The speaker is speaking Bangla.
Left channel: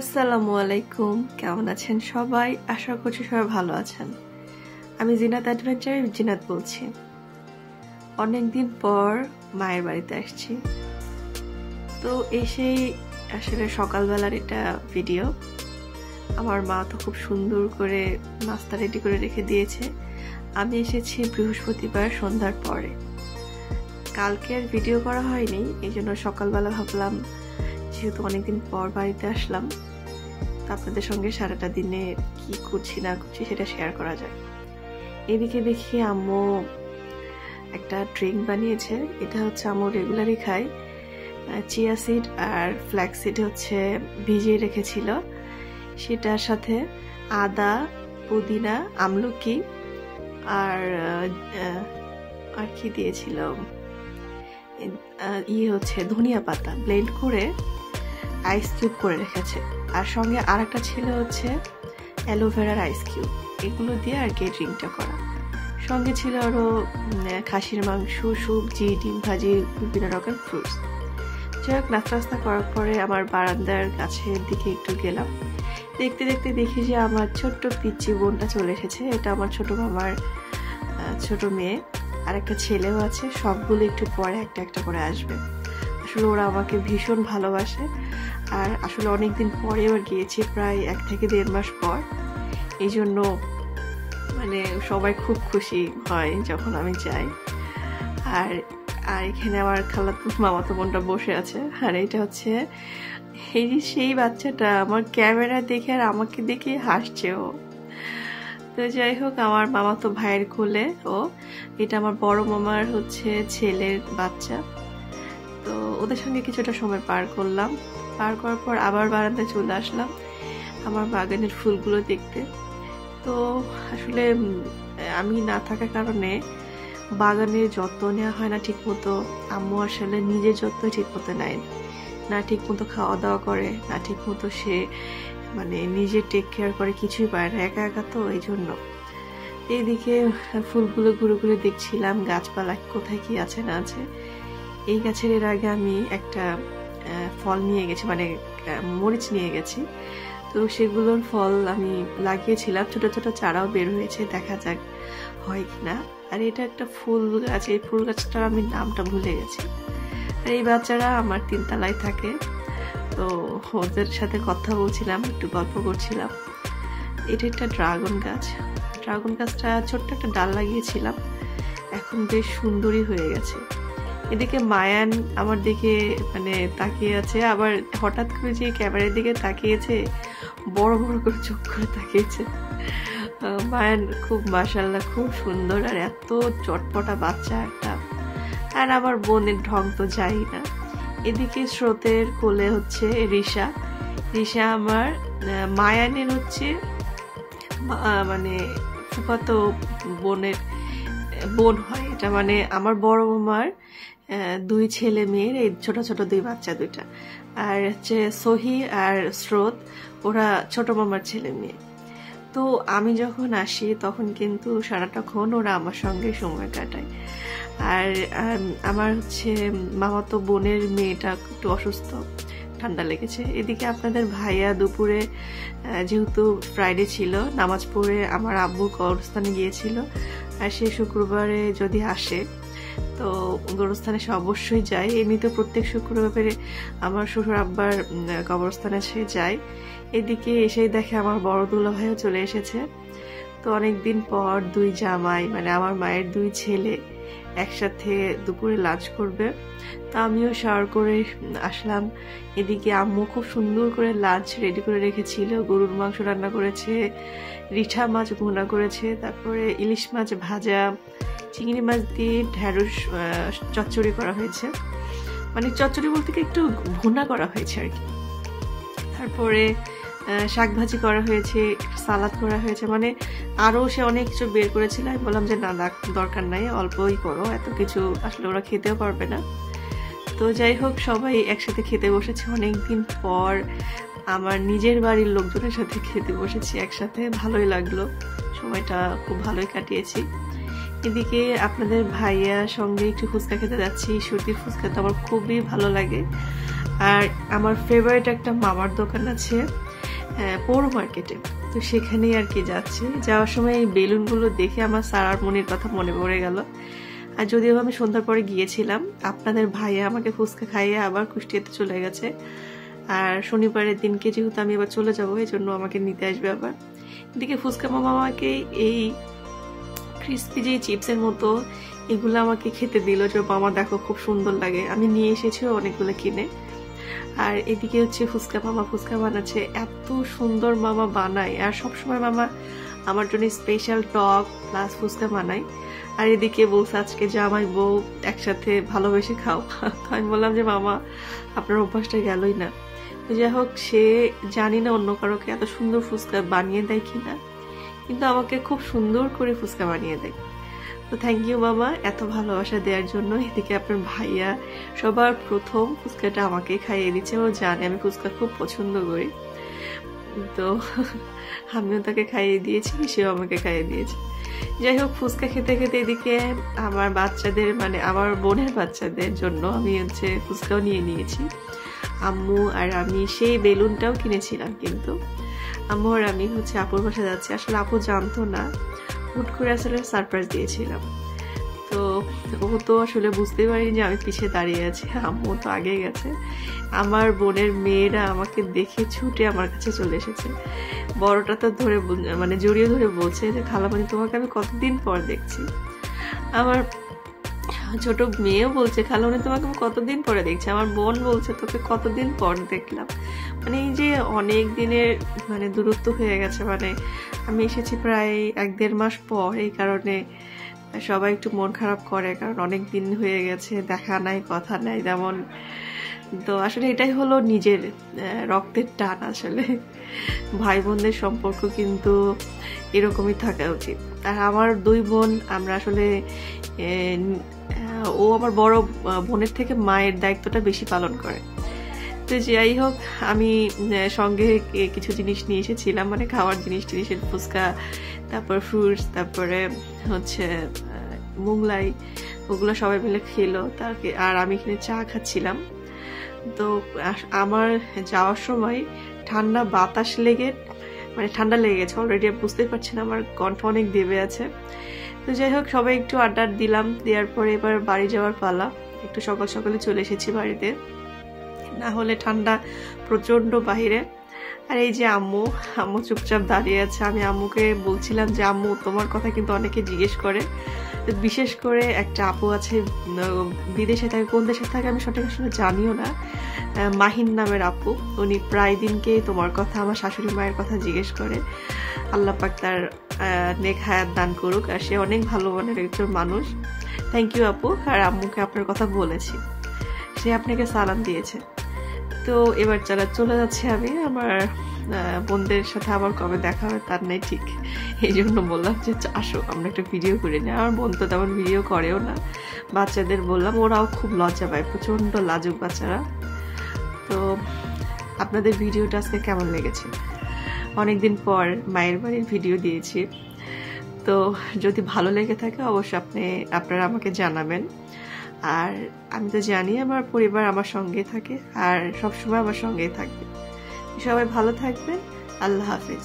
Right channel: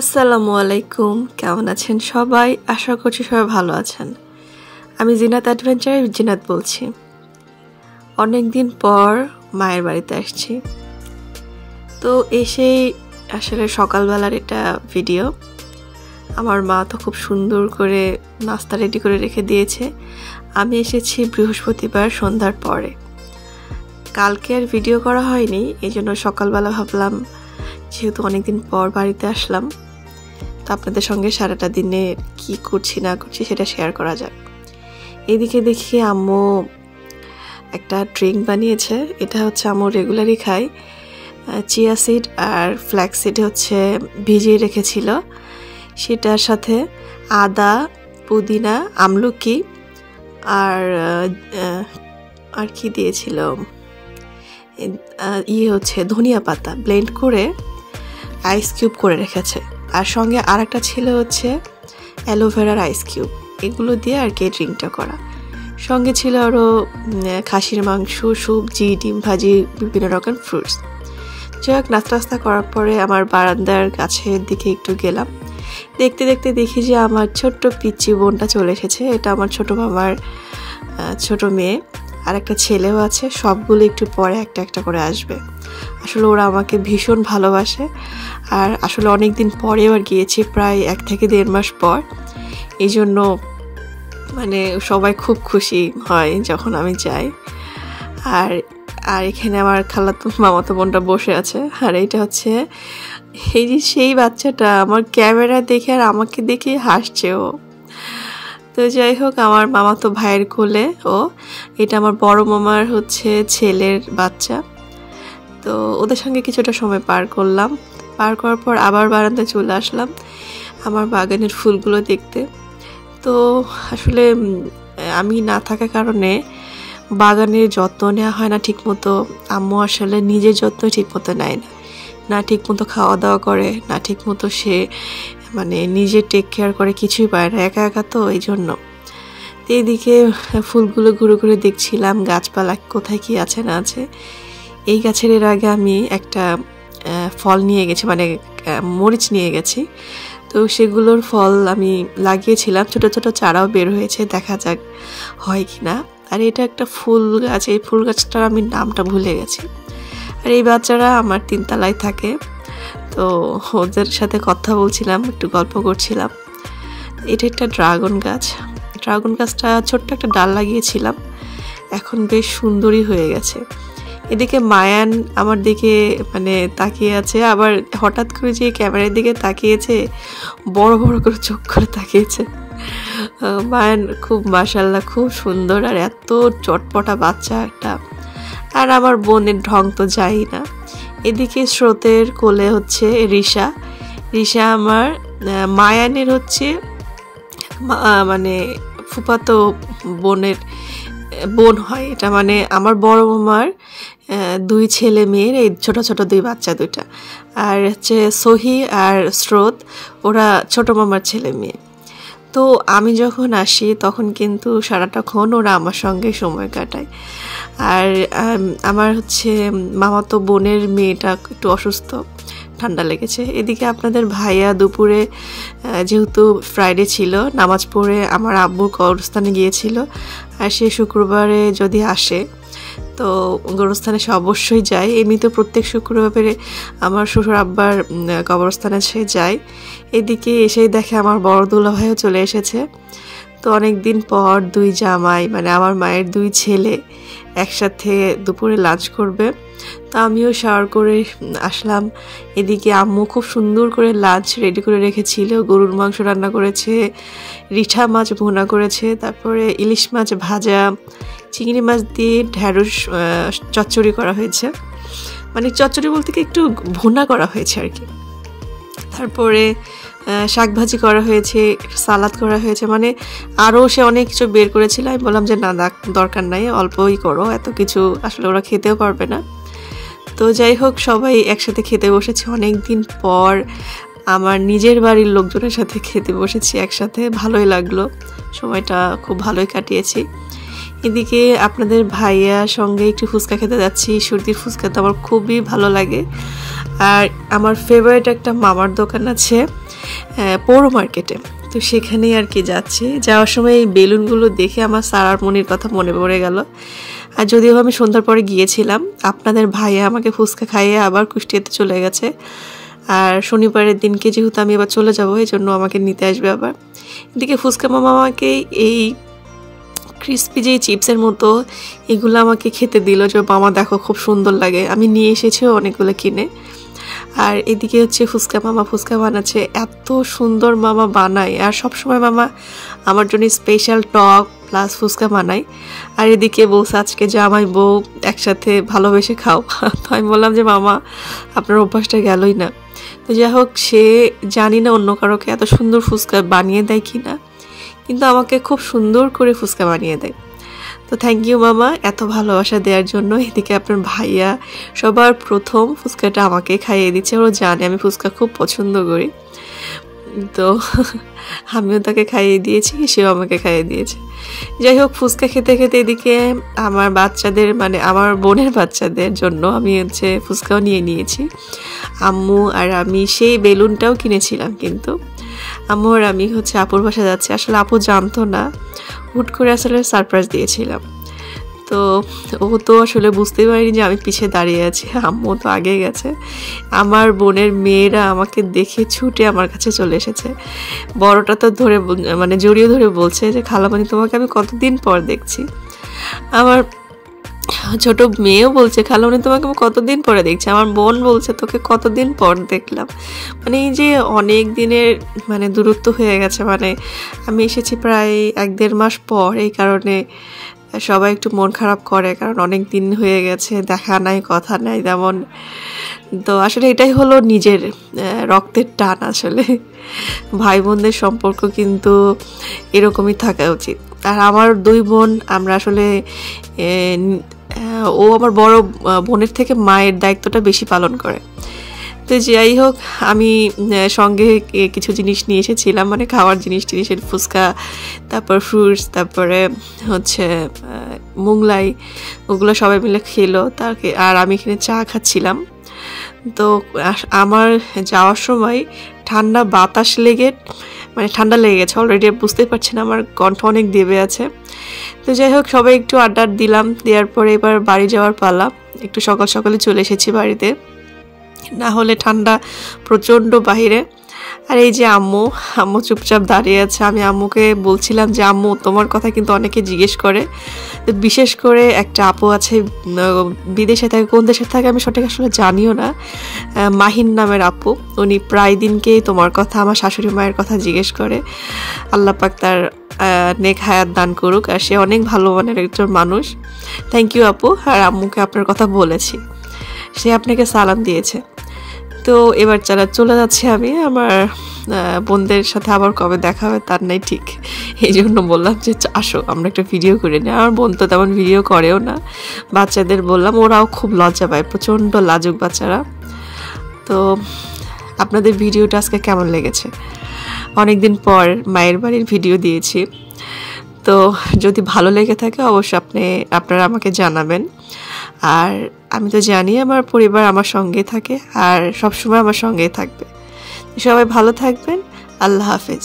আসসালামু আলাইকুম, কেমন আছেন সবাই? আশা করছি সবাই ভালো আছেন। আমি জিনাত অ্যাডভেঞ্চারের জিনাত বলছি। অনেক দিন পর মায়ের বাড়িতে আসছি, তো এসেই আসলে সকালবেলার এটা ভিডিও। আমার মা তো খুব সুন্দর করে নাস্তা রেডি করে রেখে দিয়েছে। আমি এসেছি বৃহস্পতিবার সন্ধ্যার পরে। কালকে আর ভিডিও করা হয়নি, এই জন্য সকালবেলা ভাবলাম যেহেতু অনেকদিন পর বাড়িতে আসলাম, তো আপনাদের সঙ্গে সারাটা দিনে কি করছি না করছি সেটা শেয়ার করা যায়। এদিকে দেখি আম্মু একটা ড্রিঙ্ক বানিয়েছে। এটা হচ্ছে আম্মু রেগুলারই খাই। চিয়া সিড আর ফ্ল্যাক্স সিড হচ্ছে ভিজিয়ে রেখেছিল, সেটার সাথে আদা, পুদিনা, আমলকি আর কি দিয়েছিল, হচ্ছে ধনিয়া পাতা ব্লেন্ড করে আইস কিউব করে রেখেছে। আর সঙ্গে আর একটা ছিল হচ্ছে অ্যালোভেরার আইস কিউব। এগুলো দিয়ে আর কি ড্রিঙ্কটা করা। সঙ্গে ছিল আরও খাসির মাংস, সবজি, ডিম ভাজি, বিভিন্ন রকম ফ্রুটস। যাই হোক, নাস্তা করার পরে আমার বারান্দার গাছের দিকে একটু গেলাম। দেখতে দেখতে দেখি যে আমার ছোট্ট পিচ্চি বোনটা চলে এসেছে। এটা আমার ছোট মামার ছোট মেয়ে, আর একটা ছেলেও আছে। সবগুলো একটু পরে একটা একটা করে আসবে। আসলে ওরা আমাকে ভীষণ ভালোবাসে, আর আসলে অনেক দিন পরে আবার গিয়েছি, প্রায় 1 থেকে 1.5 মাস পর। এই জন্য মানে সবাই খুব খুশি হয় যখন আমি যাই। আর এখানে আমার খালাতো মামাতো বোনটা বসে আছে। আর এটা হচ্ছে এই যে সেই বাচ্চাটা আমার ক্যামেরা দেখে আর আমাকে দেখে হাসছে ও। তো যাই হোক, আমার মামাতো ভাইয়ের কোলে ও। এটা আমার বড় মামার হচ্ছে ছেলের বাচ্চা। তো ওদের সঙ্গে কিছুটা সময় পার করলাম। পার করার পর আবার বারান্দায় চলে আসলাম আমার বাগানের ফুলগুলো দেখতে। তো আসলে আমি না থাকার কারণে বাগানের যত্ন নেওয়া হয় না ঠিকমতো। আম্মু আসলে নিজের যত্ন ঠিকমতো নেয় না ঠিকমতো খাওয়া দাওয়া করে না, ঠিকমতো সে মানে নিজে টেক কেয়ার করে, কিছুই পায় না, একা একা। তো এই জন্য এইদিকে ফুলগুলো ঘুরে ঘুরে দেখছিলাম গাছপালা কোথায় কি আছে না আছে। এই গাছের এর আগে আমি একটা ফল নিয়ে গেছি, মানে মরিচ নিয়ে গেছি। তো সেগুলোর ফল আমি লাগিয়েছিলাম, ছোট ছোট চারাও বের হয়েছে, দেখা যাক হয় কি না। আর এটা একটা ফুল গাছ, এই ফুল গাছটার আমি নামটা ভুলে গেছি। আর এই বাচ্চারা আমার 3 তলায় থাকে, তো ওদের সাথে কথা বলছিলাম, একটু গল্প করছিলাম। এটা একটা ড্রাগন গাছ। ড্রাগন গাছটা ছোট্ট একটা ডাল লাগিয়েছিলাম, এখন বেশ সুন্দরই হয়ে গেছে। এদিকে মায়ান আমার দিকে মানে তাকিয়ে আছে, আবার হঠাৎ করে যে ক্যামেরার দিকে তাকিয়েছে, বড় বড় করে চোখ করে তাকিয়েছে। মায়ান খুব মাশাআল্লাহ খুব সুন্দর, আর এত চটপটা বাচ্চা একটা। আর আমার বোনের ঢং তো যাই না। এদিকে স্রোতের কোলে হচ্ছে রিশা আমার মায়ানের হচ্ছে মানে ফুফাতো বোনের বোন হয়। এটা মানে আমার বড় মামার 2 ছেলে মেয়ের এই ছোট ছোট 2 বাচ্চা 2টা। আর হচ্ছে সহি আর স্রোত, ওরা ছোট মামার ছেলে মেয়ে। তো আমি যখন আসি তখন কিন্তু সারাটাক্ষণ ওরা আমার সঙ্গে সময় কাটায়। আর আমার হচ্ছে মামাতো বোনের মেয়েটা একটু অসুস্থ, ঠান্ডা লেগেছে। এদিকে আপনাদের ভাইয়া দুপুরে যেহেতু ফ্রাইডে ছিল, নামাজ পড়ে আমার আব্বুর কবরস্থানে গিয়েছিল। আর সে শুক্রবারে যদি আসে তো গোরস্থানে সে অবশ্যই যায়। এমনিতে প্রত্যেক শুক্রবারে আমার শ্বশুর আব্বার কবরস্থানে সে যায়। এদিকে এসেই দেখে আমার বড় দুলা ভাইও চলে এসেছে। তো অনেক দিন পর 2 জামাই মানে আমার মায়ের 2 ছেলে একসাথে দুপুরে লাঞ্চ করবে। তো আমিও শাওয়ার করে আসলাম। এদিকে আম্মু খুব সুন্দর করে লাঞ্চ রেডি করে রেখেছিল। গরুর মাংস রান্না করেছে, রিঠা মাছ ভুনা করেছে, তারপরে ইলিশ মাছ ভাজা, চিংড়ি মাছ দিয়ে ঢ্যাঁড়স চচ্চড়ি করা হয়েছে। মানে চচ্চড়ি বলতে কি একটু ভুনা করা হয়েছে আর কি। তারপরে শাক ভাজি করা হয়েছে, সালাদ করা হয়েছে, মানে আরও সে অনেক কিছু বের করেছিল। আমি বললাম যে না দরকার নাই, অল্পই করো, এত কিছু আসলে ওরা খেতেও পারবে না। তো যাই হোক, সবাই একসাথে খেতে বসেছে। অনেক দিন পর আমার নিজের বাড়ির লোকজনের সাথে খেতে বসেছি একসাথে, ভালোই লাগলো, সময়টা খুব ভালোই কাটিয়েছি। এদিকে আপনাদের ভাইয়ার সঙ্গে একটু ফুচকা খেতে যাচ্ছি। সুরতির ফুচকা তো আমার খুবই ভালো লাগে। আর আমার ফেভারিট একটা মামার দোকান আছে পৌর মার্কেটে, তো সেখানেই আর কি যাচ্ছি। যাওয়ার সময় এই বেলুনগুলো দেখে আমার সারার মনির কথা মনে পড়ে গেল। আর যদিও আমি সন্ধ্যার পরে গিয়েছিলাম, আপনাদের ভাইয়া আমাকে ফুচকা খাইয়ে আবার কুষ্টিয়াতে চলে গেছে। আর শনিবারের দিনকে যেহেতু আমি আবার চলে যাবো, এই জন্য আমাকে নিতে আসবে আবার। এদিকে ফুচকা মামা আমাকে এই ক্রিস্পি যেই চিপসের মতো এগুলো আমাকে খেতে দিল, যে মামা দেখো খুব সুন্দর লাগে, আমি নিয়ে এসেছি অনেকগুলো কিনে। আর এদিকে হচ্ছে ফুচকা মামা ফুচকা বানাচ্ছে, এত সুন্দর মামা বানায়। আর সবসময় মামা আমার জন্য স্পেশাল টক প্লাস ফুচকা বানায়। আর এদিকে বলছে আজকে জামাই বউ একসাথে ভালোবেসে খাও। তো আমি বললাম যে মামা আপনার অভ্যাসটা গেলই না। তো যাই হোক, সে জানি না অন্য কারোকে এত সুন্দর ফুচকা বানিয়ে দেয় কি না, কিন্তু আমাকে খুব সুন্দর করে ফুচকা বানিয়ে দেয়। তো থ্যাংক ইউ মামা এত ভালোবাসা দেওয়ার জন্য। এদিকে আপনার ভাইয়া সবার প্রথম ফুচকাটা আমাকে খাইয়ে দিচ্ছে, ও জানে আমি ফুচকা খুব পছন্দ করি। তো আমিও তাকে খাইয়ে দিয়েছি, সেও আমাকে খাইয়ে দিয়েছে। যাই হোক, ফুচকা খেতে খেতে এদিকে আমার বাচ্চাদের মানে আমার বোনের বাচ্চাদের জন্য আমি হচ্ছে ফুচকাও নিয়ে নিয়েছি। আম্মু আর আমি সেই বেলুনটাও কিনেছিলাম, কিন্তু আম্মু আর আমি হচ্ছে আপুর বাসা যাচ্ছি। আসলে আপু জানতো না, হুট করে আসলে সারপ্রাইজ দিয়েছিলাম। তো ও তো আসলে বুঝতেই পারিনি যে আমি পিছিয়ে দাঁড়িয়ে আছি, আম্মু তো আগে গেছে। আমার বোনের মেয়েরা আমাকে দেখে ছুটে আমার কাছে চলে এসেছে। বড়টা তো ধরে মানে জড়িয়ে ধরে বলছে যে খালামণি তোমাকে আমি কতদিন পর দেখছি। আমার ছোট মেয়েও বলছে খালামণি তোমাকে আমি কতদিন পরে দেখছি। আমার বোন বলছে তোকে কতদিন পর দেখলাম। মানে এই যে অনেক দিনের মানে দূরত্ব হয়ে গেছে, মানে আমি এসেছি প্রায় 1-1.5 মাস পর, এই কারণে সবাই একটু মন খারাপ করে, কারণ অনেক দিন হয়ে গেছে, দেখা নাই কথা নাই তেমন। তো আসলে এটাই হলো নিজের রক্তের টান। আসলে ভাই বোনদের সম্পর্ক কিন্তু এরকমই থাকা উচিত। আর আমার 2 বোন আমরা আসলে ও আমার বড় বোনের থেকে মায়ের দায়িত্বটা বেশি পালন করে। তো যাই হোক, আমি সঙ্গে কিছু জিনিস নিয়ে এসেছিলাম, মানে খাওয়ার জিনিসের ফুচকা, তারপর ফ্রুটস, তারপরে হচ্ছে মোগলাই, ওগুলো সবাই মিলে খেলো। আর আমি এখানে চা খাচ্ছিলাম। তো আমার যাওয়ার সময় ঠান্ডা বাতাস লেগে মানে ঠান্ডা লেগে গেছে অলরেডি, বুঝতেই পারছি না, আমার কণ্ঠ অনেক দেবে আছে। তো যাই হোক, সবাই একটু আড্ডা দিলাম, দেওয়ার পরে এবার বাড়ি যাওয়ার পালা। একটু সকাল সকালে চলে এসেছি বাড়িতে, না হলে ঠান্ডা প্রচণ্ড বাহিরে। আর এই যে আম্মু চুপচাপ দাঁড়িয়ে আছে। আমি আম্মুকে বলছিলাম যে আম্মু তোমার কথা কিন্তু অনেকে জিজ্ঞেস করে, বিশেষ করে একটা আপু আছে বিদেশে থাকে, কোন দেশে থাকে আমি সঠিক আসলে জানিও না, মাহিন নামের আপু। উনি প্রায় দিনকেই তোমার কথা, আমার শাশুড়ি মায়ের কথা জিজ্ঞেস করে। আল্লাহ পাক তার নেক হায়াত দান করুক। আর সে অনেক ভালো মানের একজন মানুষ। থ্যাংক ইউ আপু। আর আম্মুকে আপনার কথা বলেছি, সে আপনাকে সালাম দিয়েছে। তো এবার চলে যাচ্ছি আমি। আমার বোনদের সাথে আবার কবে দেখা হবে তার নাই ঠিক, এই জন্য বললাম যে আসো আমরা একটা ভিডিও করে নিই। আমার বোন তো তেমন ভিডিও করেও না, বাচ্চাদের বললাম, ওরাও খুব লজ্জা পায়, প্রচণ্ড লাজুক বাচ্চারা। তো আপনাদের ভিডিওটা আজকে কেমন লেগেছে? অনেকদিন পর মায়ের বাড়ির ভিডিও দিয়েছি, তো যদি ভালো লেগে থাকে অবশ্যই আপনারা আমাকে জানাবেন। আর আমি তো জানি আমার পরিবার আমার সঙ্গে থাকে আর সবসময় আমার সঙ্গেই থাকবে। সবাই ভালো থাকবেন। আল্লাহ হাফেজ।